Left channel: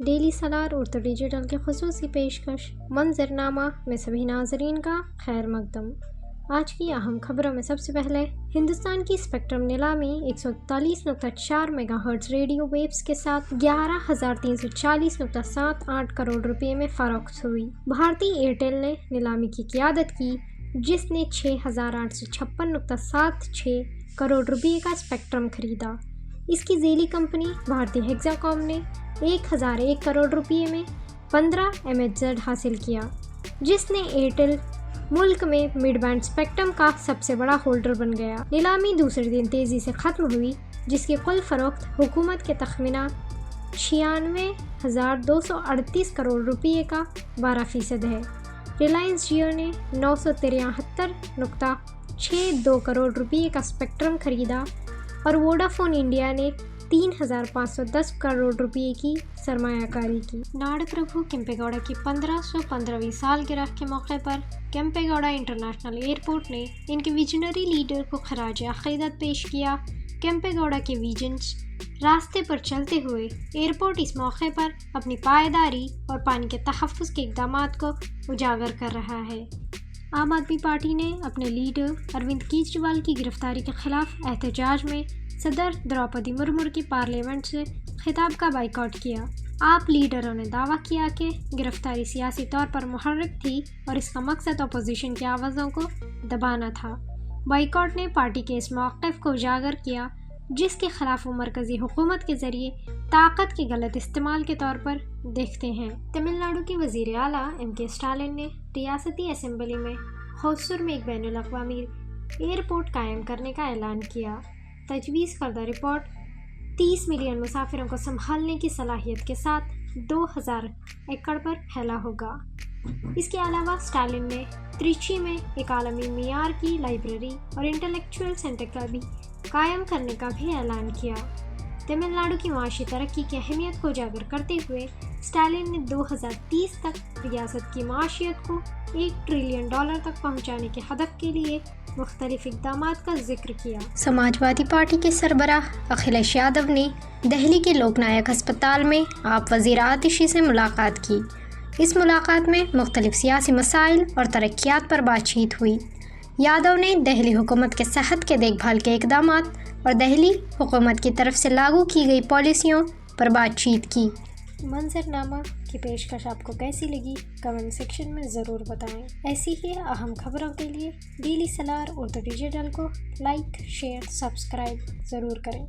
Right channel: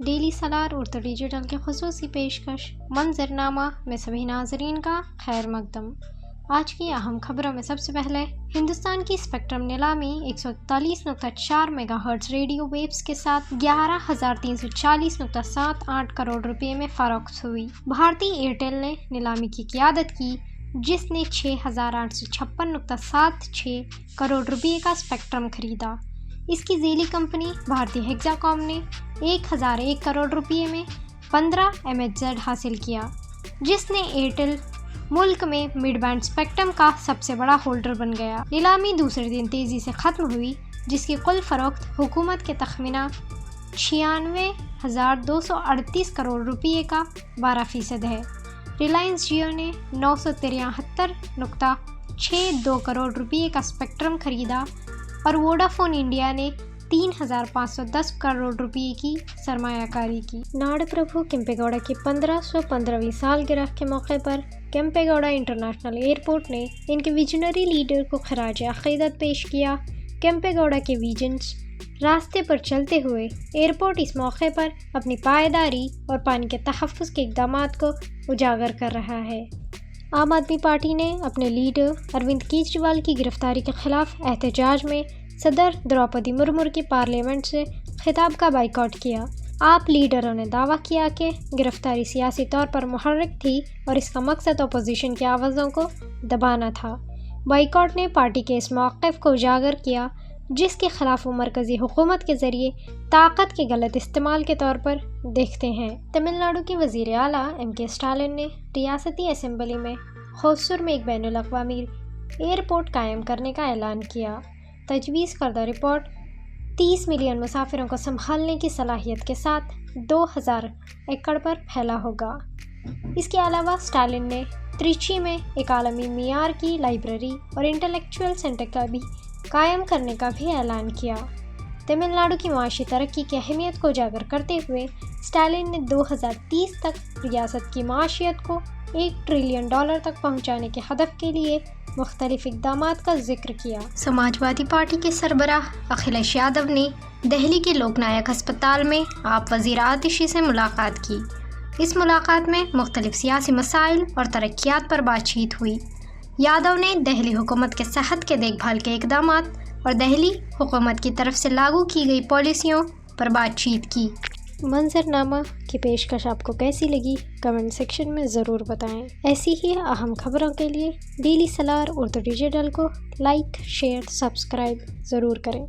Daily سالار Urdu digital کی خصوصی پیشکش منظرنامہ میں سبھی ناظرین کا خیر مقدم۔ آج کی اہم خبروں میں سب سے پہلے ہندوستان کی اسپیکٹرم نیلامی 141.4 میگا ہرٹز ریڈیو ویوز کے ساتھ 11,340.78 کروڑ روپے میں فروخت ہوئی۔ بھارتی ایئرٹیل نے نیلامی کی قیادت کی جس نے 6,856.76 کروڑ روپے کا اسپیکٹرم خریدا۔ اس کی ذیلی کمپنی بھارتی ہیکسا کام نے 1,001 کروڑ روپے میں 15 MHz حاصل کیا، جس نے ایئرٹیل ملک میں مڈ بینڈ اسپیکٹرم کا سب سے بڑا ہولڈر بن گیا۔ نیلامی دوسرے دن تیزی سے ختم ہوئی جس کی کل فروخت حکومت کے تخمینہ 96,238 کروڑ روپے کا 12% ہے۔ ریلائنس جیو نے 973.62 کروڑ روپے کا اسپیکٹرم خریدا اور ووڈافون انڈیا نے 3,510 کروڑ روپے کی سرمایہ کاری کی۔ ناڈ پربھو کیمپے گوڑا کی 1515ویں سالگرہ کے موقع پر کیمپے گوڑا انٹرنیشنل ایئرپورٹ نے ان کے ویژنری لیڈر کو خراج عقیدت پیش کیا۔ کیمپے گوڑا کے ویژنس راستے پر چلتے ہوئے ایئرپورٹ اس موقع پر اپنی پائیداری اور پانی کے تحفظ کے اقدامات کو اجاگر کر رہا ہے۔ عام آدمی پارٹی نے اپنے لیڈر اروند کیجریوال کی گرفتاری کے خلاف احتجاج میں صدر دروپدی مرمو کی پارلیمنٹ سے خطاب کا بائیکاٹ کیا۔ آپ لیڈروں نے دعویٰ کیا کہ گرفتاری سیاسی طور پر محرک تھی اور اس کا مقصد اپوزیشن کی آوازوں کو دبانا تھا۔ بائیکاٹ نے پارٹی کے اس موقف کو اجاگر کیا جس کے خلاف وہ مرکزی حکومت کے ذریعے طاقت کے غلط استعمال کے طور پر دیکھتے ہیں۔ تمل ناڈو کے وزیر اعلیٰ M.K. اسٹالن نے ریاستی اسمبلی میں ہوسور میں ایک بین الاقوامی ایئرپورٹ قائم کرنے کا اعلان کیا۔ تجویز کردہ ایئرپورٹ 30 ملین مسافروں کو سنبھالنے کی صلاحیت کے ساتھ 2,000 ایکڑ پر پھیلا ہوگا۔ اس کے علاوہ اسٹالن نے تریچی میں ایک عالمی معیار کی لائبریری اور انٹلیکچوئل سینٹر کا بھی قائم کرنے کا بھی اعلان کیا۔ تمل ناڈو کی معاشی ترقی کی اہمیت کو اجاگر کرتے ہوئے اسٹالن نے 2030 تک ریاست کی معیشت کو $1 ٹریلین تک پہنچانے کے ہدف کے لیے مختلف اقدامات کا ذکر کیا۔ سماجوادی پارٹی کے سربراہ اکھلیش یادو نے دہلی کے لوک نائک ہسپتال میں آپ وزیر آتشی سے ملاقات کی۔ اس ملاقات میں مختلف سیاسی مسائل اور ترقیات پر بات چیت ہوئی۔ یادو نے دہلی حکومت کے صحت کے دیکھ بھال کے اقدامات اور دہلی حکومت کی طرف سے لاگو کی گئی پالیسیوں پر بات چیت کی۔ منظرنامہ کی پیشکش آپ کو کیسی لگی کمنٹ سیکشن میں ضرور بتائیں۔ ایسی ہی اہم خبروں کے لیے ڈیلی سالار اردو ڈیجیٹل کو لائک، شیئر، سبسکرائب ضرور کریں۔